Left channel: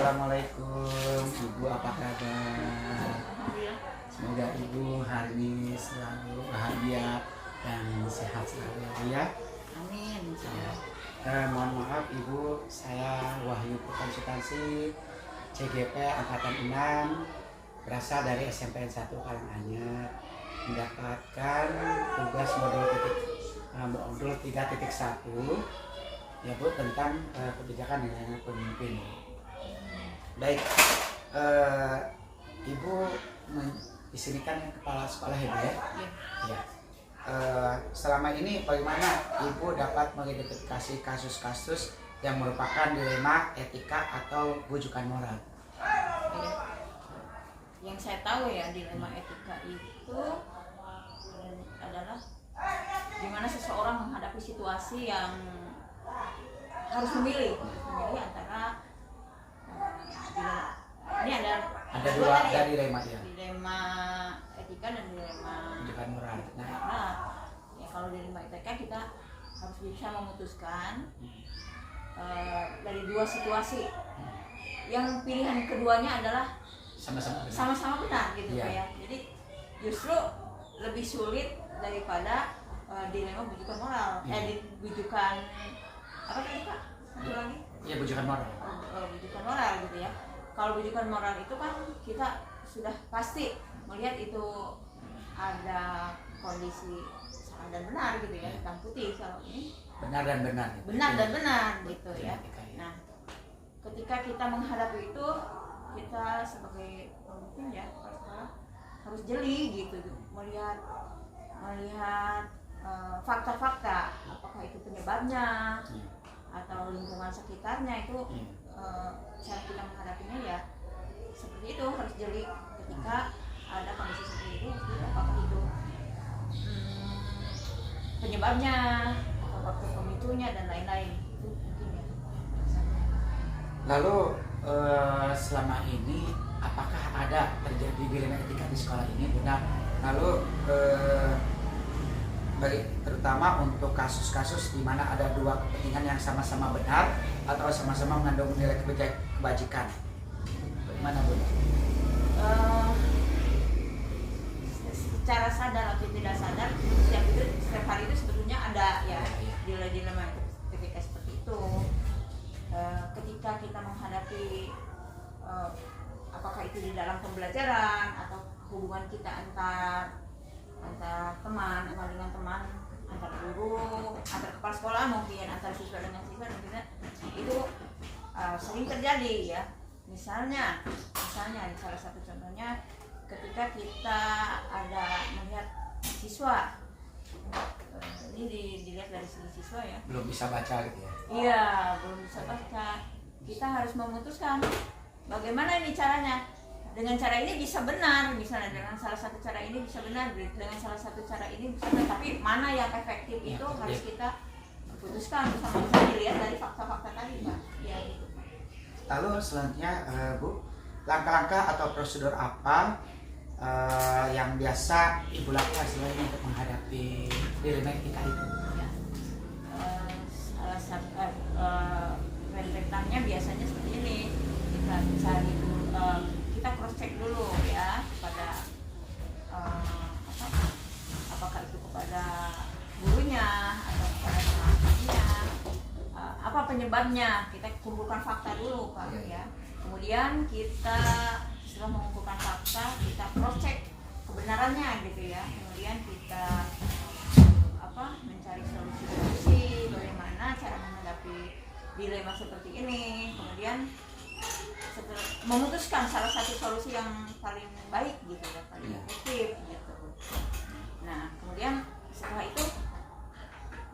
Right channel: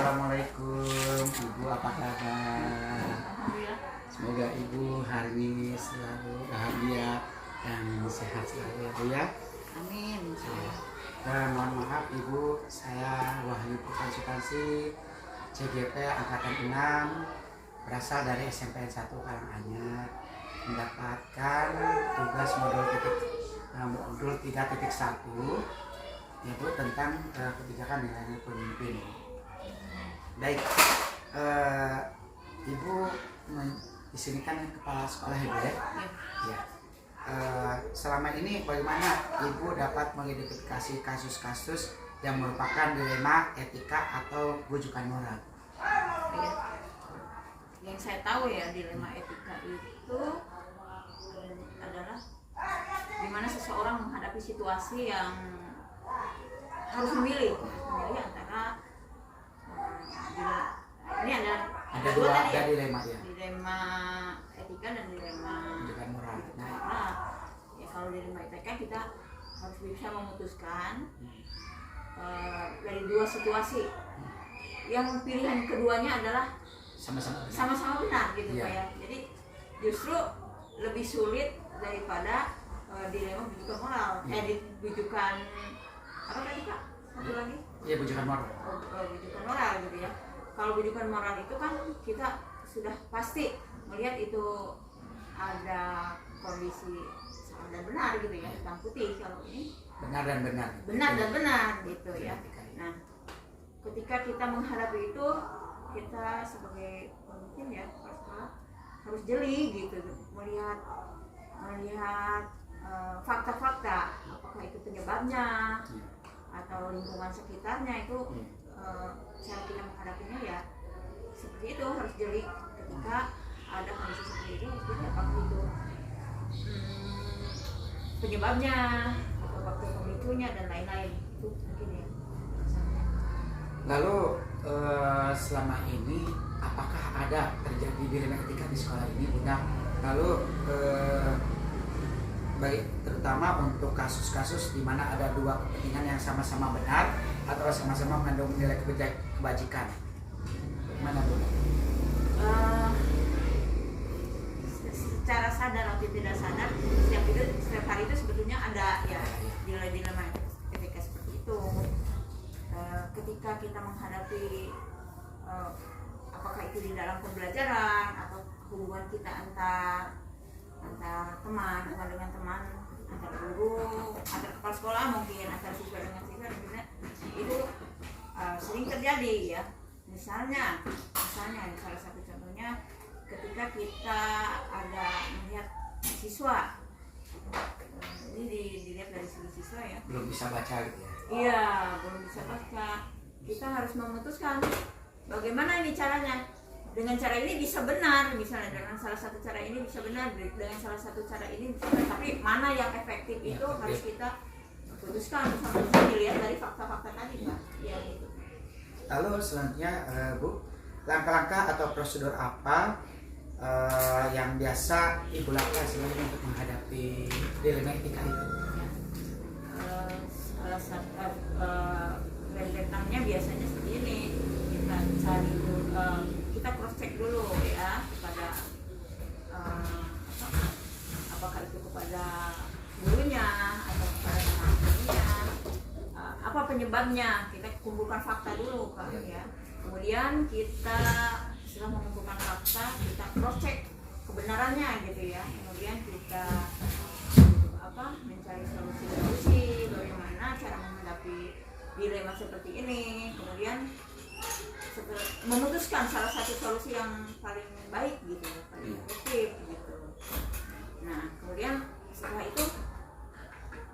Assalamualaikum Ibu, apa kabar? Alhamdulillah. Semoga Ibu hari ini selalu bahagia dan sehat selalu ya Bu ya. Amin. Mohon maaf Ibu, saya Wahyu Konsultansi CGP Angkatan 6 berasal dari SMPN 1 Karanganyar, mendapatkan tugas modul 3.1 ya Bu, tentang kebijakan nilai pemimpin. Baik, Ibu di sini kan kepala sekolah ya Bu ya? Ya. Selama ini bagaimana Ibu dapat mengidentifikasi kasus-kasus yang merupakan dilema etika atau bujukan moral? Ya. Yang saya tahu ya, dilema etika itu adalah dimana seseorang menghadapi situasi yang harus memilih antara ini ada dua dilema ya. Dilema etika dan dilema Bujukan moral. Nah, ya kalau dilema etika kita harus bisa memutuskan dari dua situasi yang pilihan keduanya adalah sama-sama benar gitu ya. Ya. Jadi justru lebih sulit daripada dilema bujukan moral. Bujukan apa tadi Pak? Satu lagi? Iya, bujukan moral. Bujukan moral gitu ya. Kalau bujukan moral itu kan kita sudah pasti melihat itu ada kondisi salah dan benar gitu ya, hitam putih. Kalau ini benar dan benar gitu ya. Nah, ketika kita menghadapi itu, kita sebagai pemimpin ya harus jeli gitu, melihat fakta-fakta, apakah itu penyebabnya atau lingkungan sekitarnya itu. Cara kita menghadapinya ya seperti itu, harus jeli ketika ada kondisi seperti itu, harus jeli apakah itu penyebabnya, waktu pemicunya dan lain-lain. Itu mungkin ya. Lalu selama ini apakah ada terjadi dilema etika di sekolah ini Bunda? Lalu terutama untuk kasus-kasus di mana ada dua kepentingan yang sama-sama benar atau sama-sama mengandung nilai kebajikan. Bagaimana Bu? Secara sadar atau tidak sadar, setiap hari itu sebetulnya ada ya dilema etika seperti itu. Ketika kita menghadapi apakah itu di dalam pembelajaran atau hubungan kita antar teman, dengan teman, antar guru, antar kepala sekolah mungkin, antar siswa dengan siswa, itu sering terjadi ya. Misalnya salah satu contohnya ketika kita ada melihat siswa, ini dilihat dari segi siswa ya, belum bisa baca gitu ya? Iya, belum bisa baca. Kita harus memutuskan bagaimana ini caranya. Dengan cara ini bisa benar, misalnya dengan salah satu cara ini bisa benar, dengan salah satu cara ini bisa benar, tapi mana yang efektif itu harus kita putuskan bersama, dilihat dari fakta-fakta tadi Pak. Ya, gitu. Lalu selanjutnya Bu, langkah-langkah atau prosedur apa yang biasa Ibu lakukan selain untuk menghadapi dilema etika itu? Ya. Salah satu rentetannya biasanya seperti ini, kita cari kita cross check dulu ya kepada apakah itu kepada gurunya atau kepada teman-temannya, apa penyebabnya, kita kumpulkan fakta dulu Kak ya. Kemudian kita setelah mengumpulkan fakta, kita cross check kebenarannya gitu ya. Kemudian kita mencari solusi bagaimana cara menghadapi dilema seperti ini. Kemudian memutuskan salah satu solusi yang paling baik gitu ya, paling efektif gitu. Nah, kemudian setelah itu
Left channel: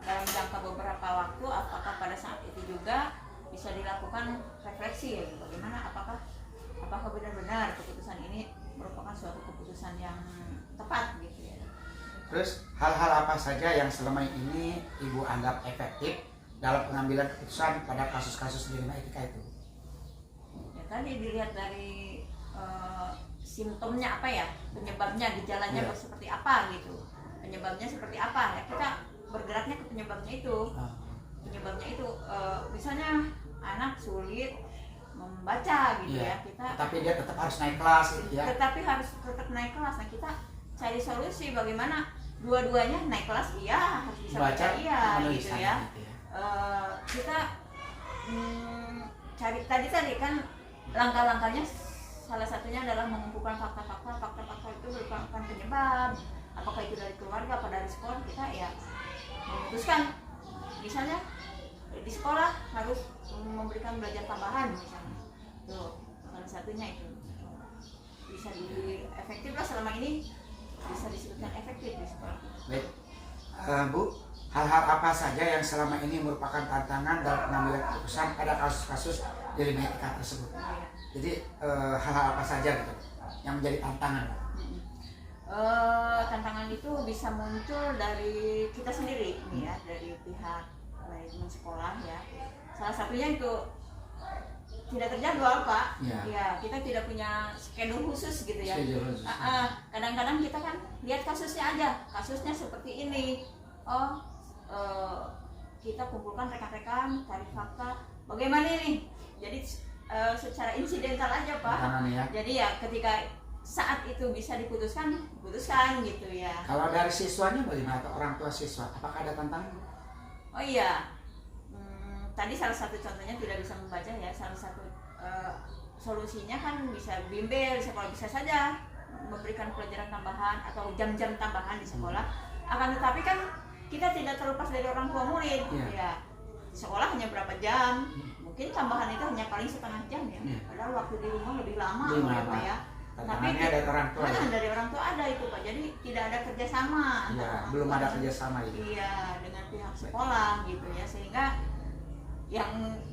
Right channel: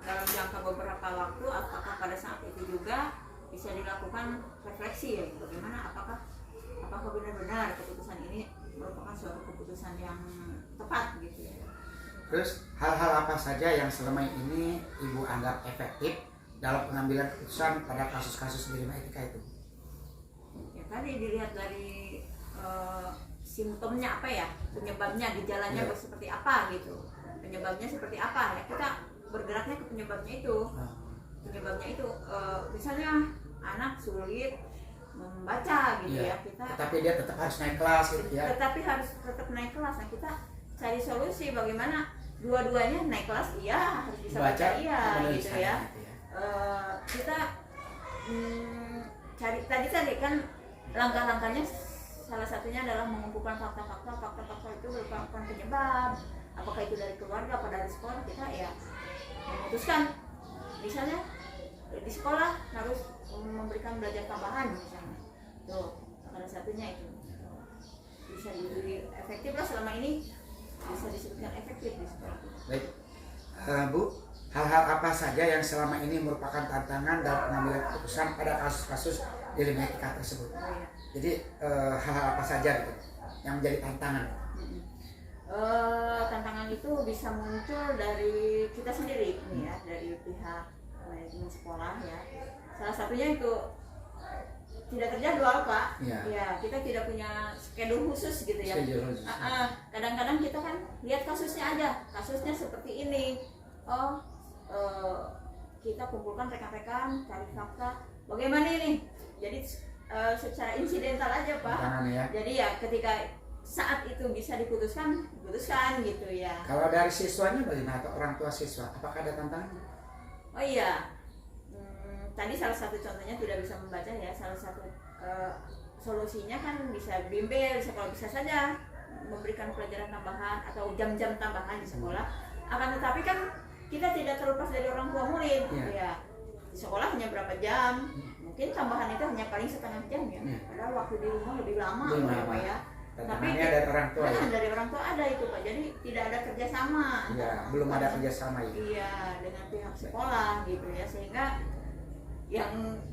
dalam jangka beberapa waktu, apakah pada saat itu juga bisa dilakukan refleksi ya, bagaimana apakah benar-benar keputusan ini merupakan suatu keputusan yang tepat gitu ya. Terus hal-hal apa saja yang selama ini Ibu anggap efektif dalam pengambilan keputusan pada kasus-kasus dilema etika itu? Ya tadi dilihat dari simptomnya apa ya, penyebabnya, gejalanya seperti apa gitu, penyebabnya seperti apa ya, kita bergeraknya ke penyebabnya itu. Misalnya anak sulit membaca gitu Iya. ya. Kita Tapi dia tetap harus naik kelas gitu ya. tetapi harus tetap naik kelas. Nah, kita cari solusi bagaimana dua-duanya naik kelas, iya, harus bisa baca, iya, menulis gitu sana ya. gitu ya. Kita cari tadi kan langkah-langkahnya, salah satunya adalah mengumpulkan fakta-fakta itu merupakan penyebab, apakah itu dari keluarga atau dari sekolah. Kita ya memutuskan misalnya di sekolah harus memberikan belajar tambahan misalnya, tuh salah satunya itu bisa efektif lah. Selama ini bisa disebutkan efektif di sekolah kita. Baik, Bu, hal-hal apa saja yang selama ini merupakan tantangan dalam pengambilan keputusan pada kasus-kasus di lima etika tersebut? Oh, ya. Jadi hal-hal apa saja gitu yang menjadi tantangan? Tantangan itu bisa muncul dari kita sendiri nih ya, dari pihak manajemen sekolah ya. Salah satunya itu tidak terjadwal, Pak. Ya, kita tidak punya schedule khusus gitu ya. Kadang-kadang kita kan lihat kasusnya aja, kasusnya seperti ini. Kita kumpulkan rekan-rekan, cari fakta, bagaimana ini? Jadi secara insidental aja, Pak. Ya. Jadi ya ketika saat itu bisa diputuskan gitu ya. Kalau dari siswanya bagaimana, atau orang tua siswa, apakah ada tantangan? Oh iya, tadi salah satu contohnya tidak bisa membaca ya. Salah satu solusinya kan bisa bimbel di sekolah, bisa saja memberikan pelajaran tambahan atau jam-jam tambahan di sekolah. Akan tetapi kan kita tidak terlepas dari orang tua murid ya. Di sekolah hanya berapa jam, mungkin tambahan itu hanya paling setengah jam ya. Padahal waktu di rumah lebih lama ya. Tapi dari orang tua ya? Dari orang tua ada itu, Pak. Jadi tidak ada kerjasama. Ya, belum ada kerjasama itu. Iya, dengan pihak sekolah gitu ya, sehingga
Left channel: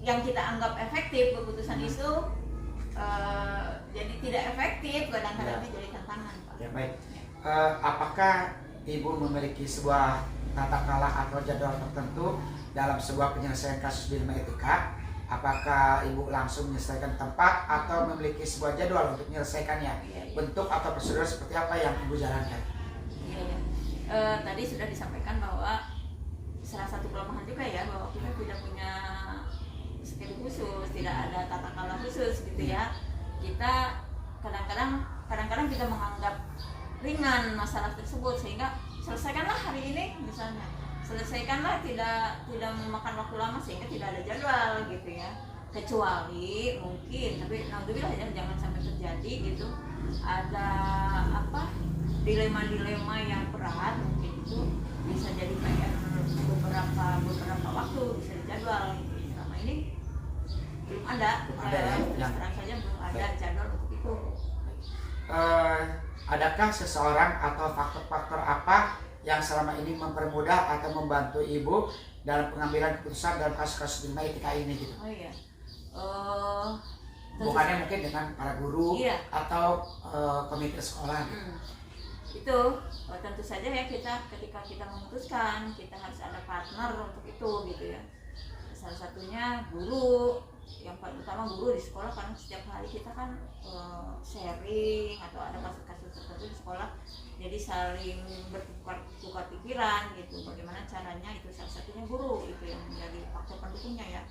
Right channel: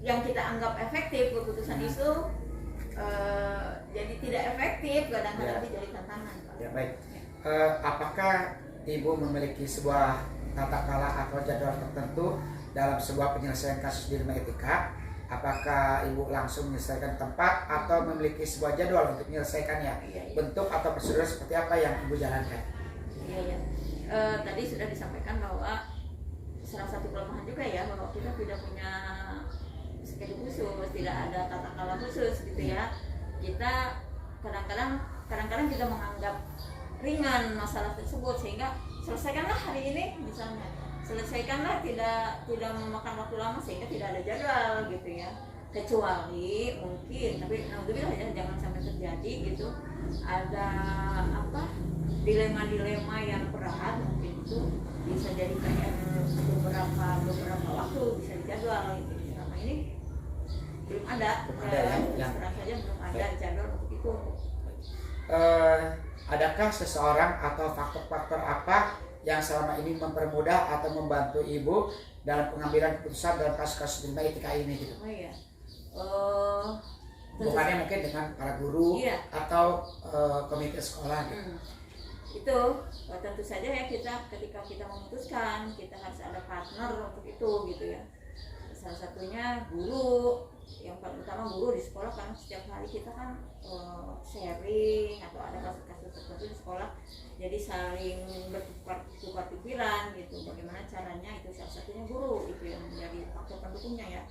yang kita anggap efektif keputusan itu jadi tidak efektif, kadang-kadang jadi tantangan, Pak. Ya, baik. Apakah Ibu memiliki sebuah tata kelola atau jadwal tertentu dalam sebuah penyelesaian kasus di lima etika? Apakah Ibu langsung menyelesaikan tempat atau memiliki sebuah jadwal untuk menyelesaikannya? Iya. Bentuk atau prosedur seperti apa yang Ibu jalankan? Iya. Tadi sudah disampaikan bahwa salah satu kelemahan juga ya, bahwa kita tidak punya schedule khusus, tidak ada tata kelola khusus gitu ya. Kita kadang-kadang kita menganggap ringan masalah tersebut, sehingga selesaikanlah hari ini misalnya, selesaikanlah, tidak memakan waktu lama, sehingga tidak ada jadwal gitu ya. Kecuali mungkin, tapi naudzubillah ya, jangan sampai terjadi gitu, ada dilema-dilema yang berat, mungkin itu bisa jadi PR beberapa waktu bisa dijadwal gitu. Selama ini belum ada ya, terang saja belum ada jadwal untuk itu. Adakah seseorang atau faktor-faktor apa yang selama ini mempermudah atau membantu Ibu dalam pengambilan keputusan dalam kasus-kasus lima etika ini gitu? Oh iya. Bukannya mungkin dengan para guru atau komite sekolah gitu. Itu tentu saja ya, ketika kita memutuskan, kita harus ada partner untuk itu gitu ya. Salah satunya guru, yang paling utama guru di sekolah, karena setiap hari kita kan sharing atau ada kasus-kasus tertentu di sekolah, jadi saling bertukar pikiran gitu, bagaimana caranya. Itu salah satunya guru, itu yang menjadi faktor pendukungnya ya.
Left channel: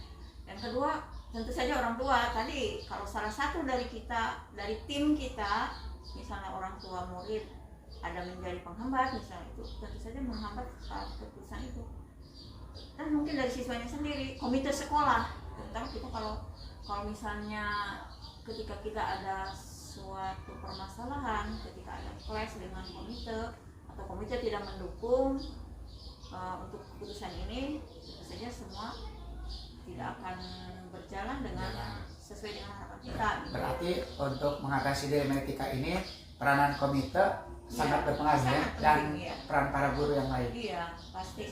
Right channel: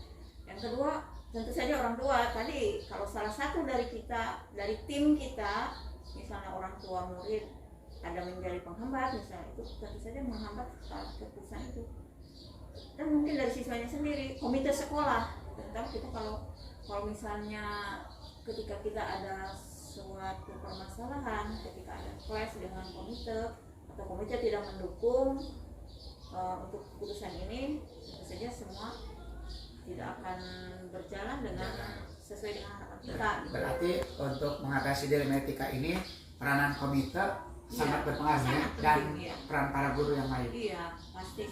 Yang kedua tentu saja orang tua. Tadi kalau salah satu dari tim kita, misalnya orang tua murid ada menjadi penghambat misalnya, itu tentu saja menghambat keputusan itu. Dan mungkin dari siswanya sendiri, komite sekolah, tentang kita kalau misalnya ketika kita ada suatu permasalahan, ketika ada clash dengan komite atau komite tidak mendukung untuk keputusan ini, tentu saja semua tidak akan berjalan dengan sesuai dengan harapan kita. Berarti untuk mengatasi dilema etika ini, peranan komite sangat berpengaruh ya, dan peran para guru yang lain. Iya, pasti.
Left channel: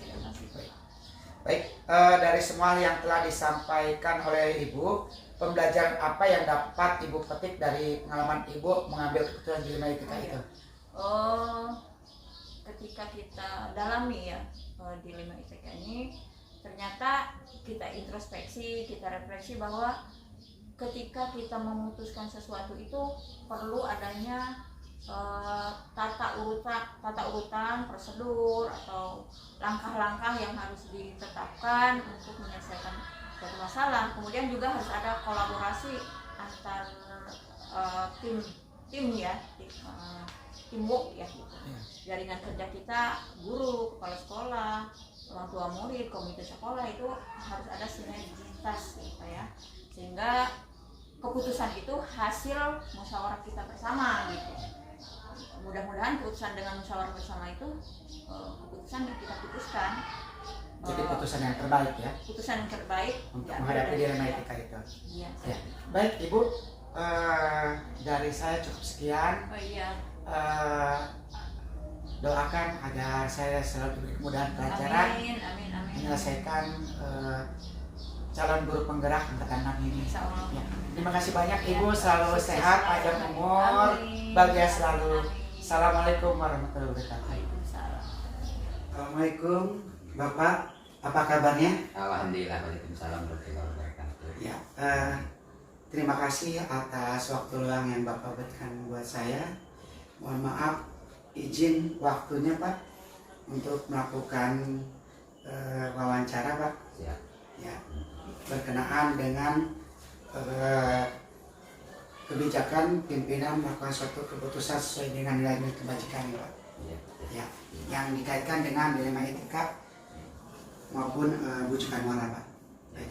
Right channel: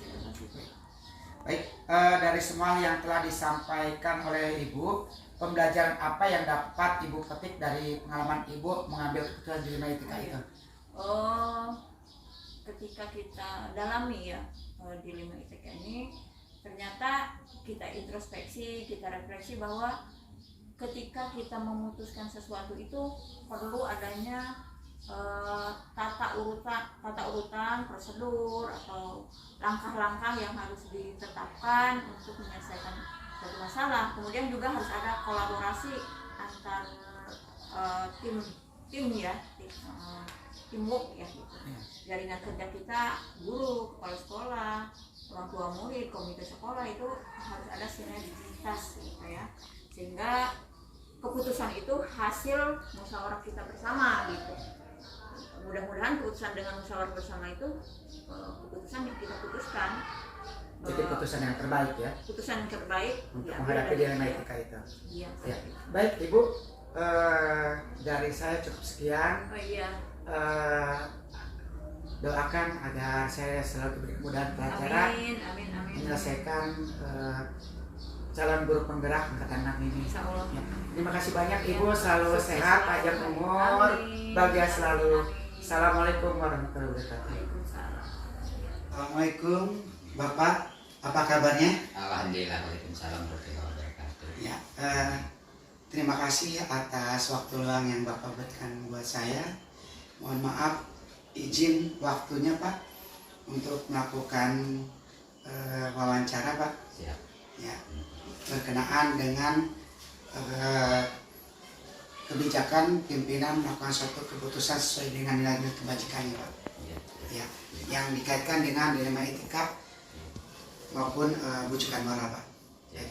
Baik, dari semua yang telah disampaikan oleh Ibu, pembelajaran apa yang dapat Ibu petik dari pengalaman Ibu mengambil keputusan dilema etika itu? Ketika kita dalami ya dilema etika ini, ternyata kita introspeksi, kita refleksi bahwa ketika kita memutuskan sesuatu itu perlu adanya tata urutan, prosedur atau langkah-langkah yang harus ditetapkan untuk menyelesaikan suatu masalah. Kemudian juga harus ada kolaborasi antar tim ya, teamwork ya gitu. Jaringan kerja kita, guru, kepala sekolah, orang tua murid, komite sekolah itu harus ada sinergitas gitu ya, sehingga keputusan itu hasil musyawarah kita bersama gitu. Mudah-mudahan keputusan dengan musyawarah bersama itu keputusan yang kita putuskan jadi putusan yang terbaik ya, putusan yang terbaik untuk ya, menghadapi dilema etika itu. Iya. Ya. Baik Ibu, dari saya cukup sekian. Oh iya. Doakan agar saya selalu diberi kemudahan pelajaran Amin. menyelesaikan calon guru penggerak angkatan 6 ini. Insya Allah. Ya. Terima kasih banyak Ibu, Ya. selalu Sukses sehat, selalu. panjang umur, Amin. bahagia selalu. Amin. Assalamualaikum warahmatullahi wabarakatuh. Waalaikumsalam. Assalamualaikum Bapak, apa kabarnya? Alhamdulillah, waalaikumsalam warahmatullahi wabarakatuh. Ya, terima kasih atas waktu luang yang Bapak berikan buat saya. Mohon maaf, izin waktunya Pak untuk melakukan wawancara Pak. Siap. Ya, berkenaan dengan kebijakan pimpinan melakukan suatu keputusan sesuai dengan nilai-nilai kebajikan Pak. Ya. Ya, yang dikaitkan dengan dilema etika maupun bujukan moral Pak. Ya.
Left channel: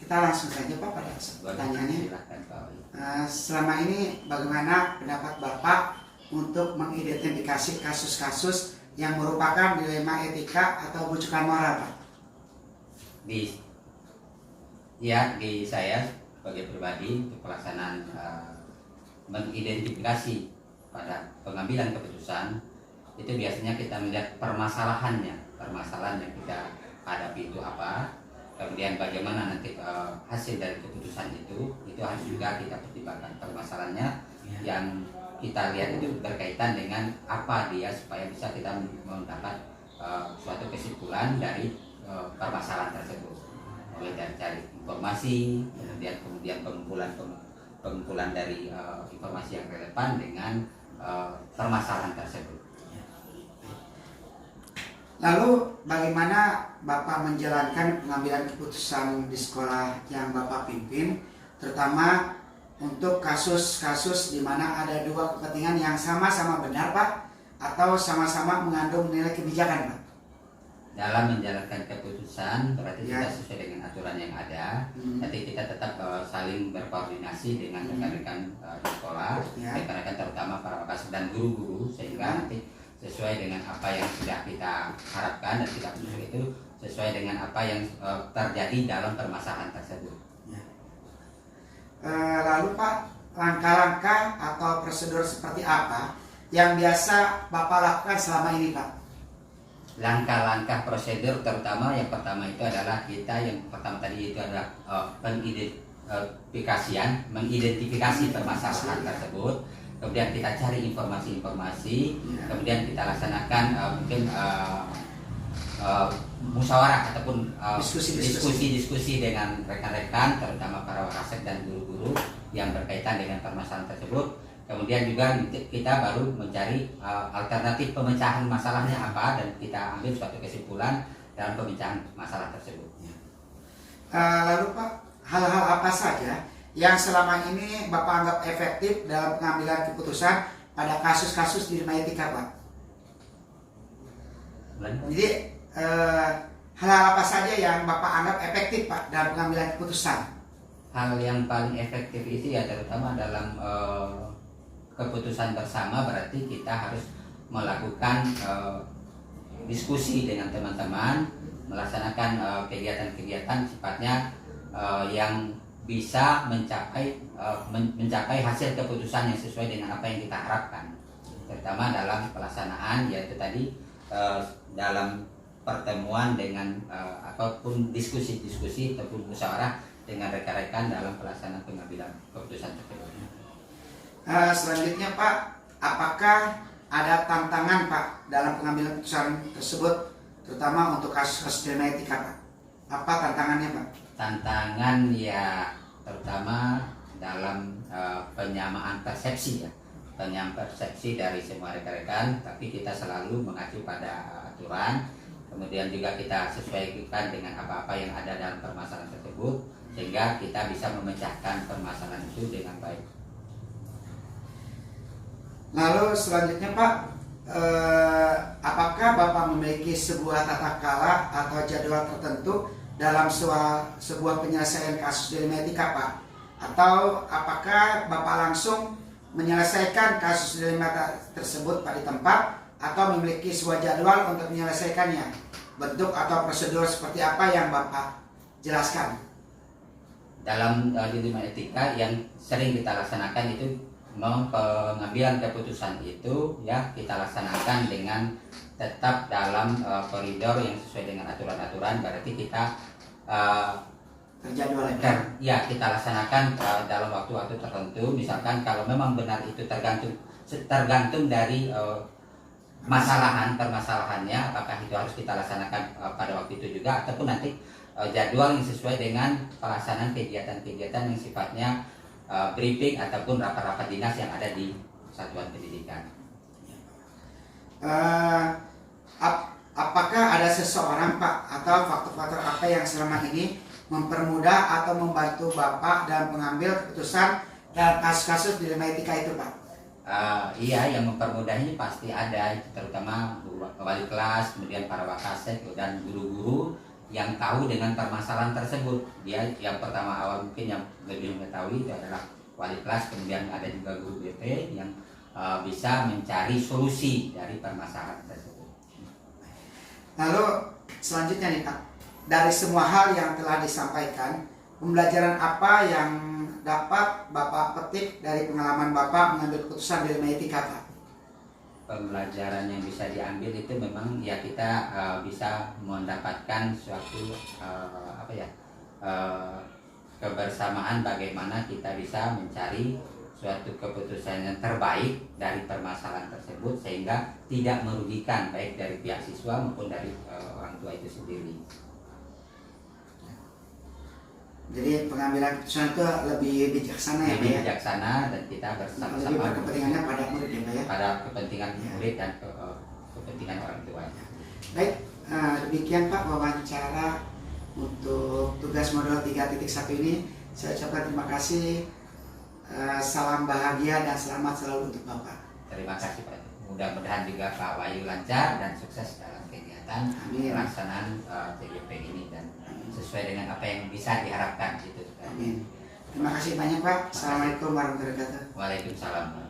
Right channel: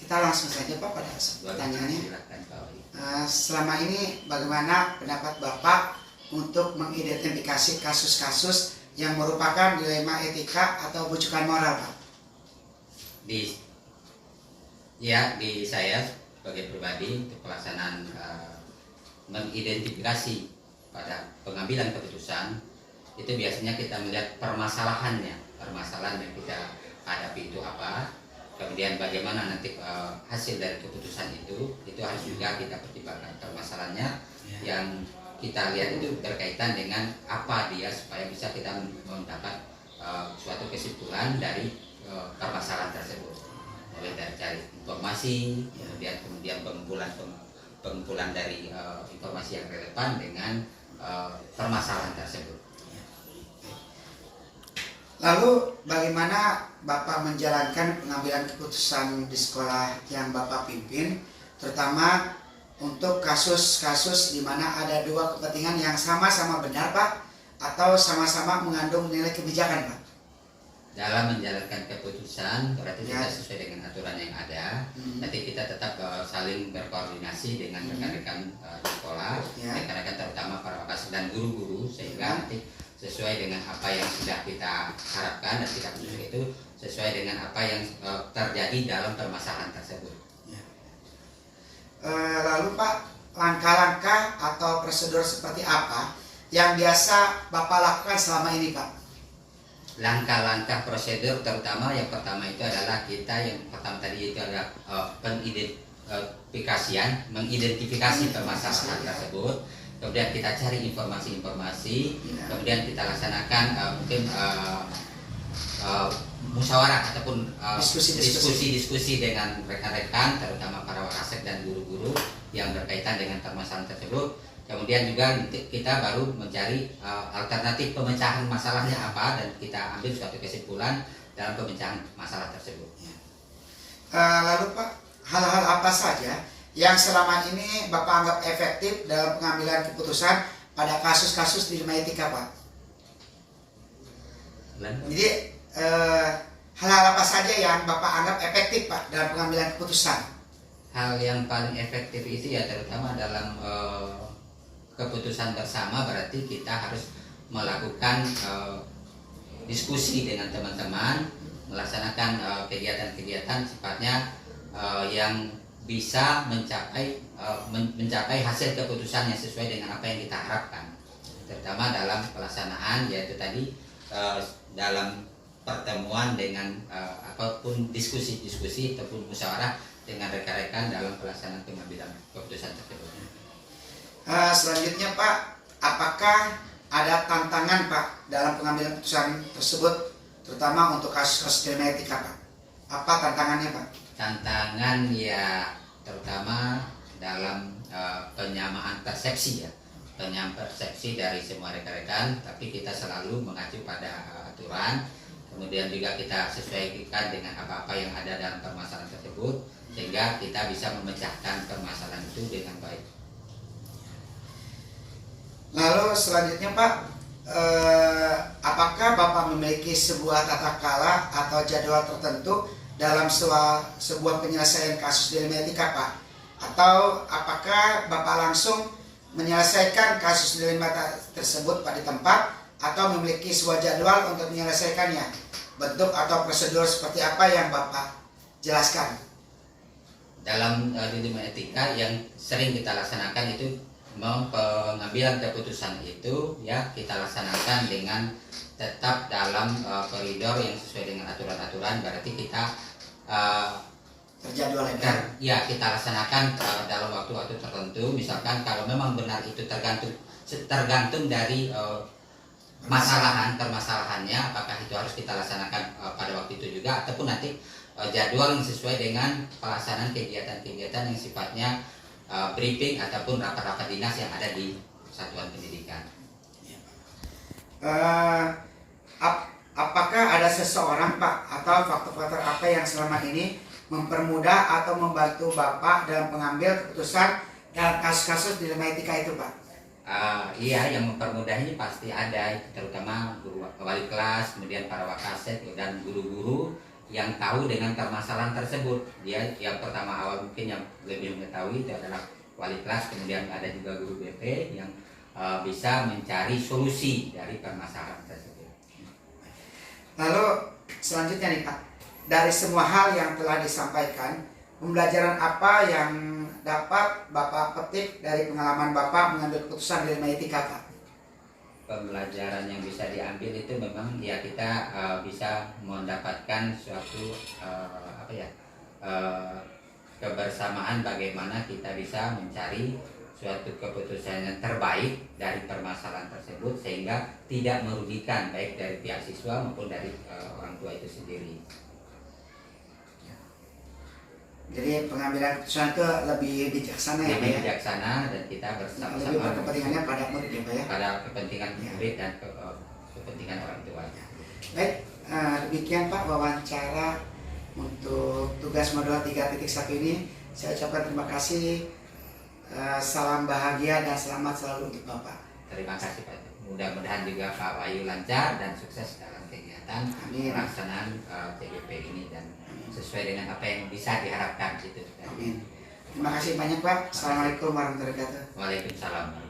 Kita langsung saja Pak pada pertanyaannya. Silakan Pak Wali. Selama ini bagaimana pendapat Bapak untuk mengidentifikasi kasus-kasus yang merupakan dilema etika atau bujukan moral Pak? Di saya sebagai pribadi untuk pelaksanaan mengidentifikasi pada pengambilan keputusan itu biasanya kita melihat permasalahan yang kita hadapi itu apa, kemudian bagaimana nanti hasil dari keputusan itu harus juga kita pertimbangkan permasalahannya yang kita lihat itu berkaitan dengan apa dia supaya bisa kita mendapat suatu kesimpulan dari permasalahan tersebut, mulai dari cari informasi, kemudian pengumpulan dari informasi yang relevan dengan permasalahan tersebut. Lalu bagaimana Bapak menjalankan pengambilan keputusan di sekolah yang Bapak pimpin, terutama untuk kasus-kasus di mana ada dua kepentingan yang sama-sama benar Pak, atau sama-sama mengandung nilai kebijakan Pak? Dalam menjalankan keputusan berarti Ya. kita sesuai dengan aturan yang ada. Nanti kita tetap saling berkoordinasi dengan rekan-rekan di sekolah, Ya. rekan-rekan terutama para wakasek dan guru-guru, sehingga nanti sesuai dengan apa yang sudah kita harapkan dan kita putuskan itu sesuai dengan apa yang terjadi dalam permasalahan tersebut. Lalu Pak, langkah-langkah atau prosedur seperti apa yang biasa Bapak lakukan selama ini Pak? Langkah-langkah prosedur terutama yang pertama itu adalah kita yang pertama tadi itu adalah mengidentifikasi permasalahan tersebut, kemudian kita cari informasi-informasi, kemudian kita laksanakan mungkin musyawarah ataupun diskusi dengan rekan-rekan terutama para wakasek dan guru-guru yang berkaitan dengan permasalahan tersebut. Kemudian juga kita baru mencari alternatif pemecahan masalahnya apa dan kita ambil suatu kesimpulan dalam pemecahan masalah tersebut. Lalu Pak, hal-hal apa saja yang selama ini Bapak anggap efektif dalam pengambilan keputusan pada kasus-kasus dilema etika Pak? Jadi hal-hal apa saja yang Bapak anggap efektif Pak dalam pengambilan keputusan? Hal yang paling efektif itu ya terutama dalam keputusan bersama, berarti kita harus melakukan diskusi dengan teman-teman, melaksanakan kegiatan-kegiatan sifatnya yang bisa mencapai hasil keputusan yang sesuai dengan apa yang kita harapkan, terutama dalam pelaksanaan yaitu tadi dalam pertemuan dengan apapun diskusi ataupun musyawarah dengan rekan-rekan dalam pelaksanaan pengambilan keputusan tersebut. Selanjutnya Pak, apakah ada tantangan Pak dalam pengambilan keputusan tersebut, terutama untuk kasus-kasus dilema etika Pak? Apa tantangannya Pak? Tantangan ya terutama dalam penyamaan persepsi ya, penyamaan persepsi dari semua rekan-rekan, tapi kita selalu mengacu pada aturan. kemudian juga kita sesuaikan dengan apa-apa yang ada dalam permasalahan tersebut, sehingga kita bisa memecahkan permasalahan itu dengan baik. Lalu selanjutnya Pak, apakah Bapak memiliki sebuah tata cara atau jadwal tertentu dalam sebuah penyelesaian kasus dilema etika Pak? Atau apakah Bapak langsung menyelesaikan kasus dilema tersebut Pak di tempat, atau memiliki sebuah jadwal untuk menyelesaikannya? Bentuk atau prosedur seperti apa yang Bapak jelaskan? Dalam dilema etika yang sering kita laksanakan itu, pengambilan keputusan itu ya kita laksanakan dengan tetap dalam koridor yang sesuai dengan aturan-aturan. Berarti kita Terjadwal ya kita laksanakan dalam waktu-waktu tertentu. Misalkan kalau memang benar itu tergantung dari permasalahannya, apakah itu harus kita laksanakan pada waktu itu juga, ataupun nanti jadwal yang sesuai dengan pelaksanaan kegiatan-kegiatan yang sifatnya briefing ataupun rapat-rapat dinas yang ada di satuan pendidikan. Apakah ada seseorang Pak atau faktor-faktor apa yang selama ini mempermudah atau membantu Bapak dalam mengambil keputusan dalam kasus-kasus dilema etika itu Pak? Iya, yang mempermudah ini pasti ada, terutama guru wali kelas, kemudian para wakasek dan guru-guru yang tahu dengan permasalahan tersebut. Dia yang pertama awal mungkin yang lebih mengetahui itu adalah wali kelas, kemudian ada juga guru BP yang bisa mencari solusi dari permasalahan tersebut. Lalu selanjutnya nih Pak, dari semua hal yang telah disampaikan, pembelajaran apa yang dapat Bapak petik dari pengalaman Bapak mengambil keputusan dilema etika Pak? Pembelajaran yang bisa diambil itu memang ya kita bisa mendapatkan suatu kebersamaan bagaimana kita bisa mencari suatu keputusan yang terbaik dari permasalahan tersebut, sehingga tidak merugikan baik dari pihak siswa maupun dari orang tua itu sendiri. Jadi pengambilan keputusan itu lebih bijaksana ya Pak Lebih ya? bijaksana, dan kita bersama-sama Lebih berkepentingannya pada murid ya Pak ya? pada kepentingan murid dan kepentingan orang tua. Baik, demikian Pak wawancara untuk tugas modul 3.1 ini. Saya ucapkan terima kasih, salam bahagia dan selamat selalu untuk Bapak. Terima kasih Pak. Mudah-mudahan juga Pak Wahyu lancar dan sukses dalam kegiatan pelaksanaan TGP ini dan sesuai dengan apa yang bisa diharapkan gitu. Amin. Terima kasih banyak Pak. Assalamualaikum warahmatullahi wabarakatuh. Waalaikumsalam.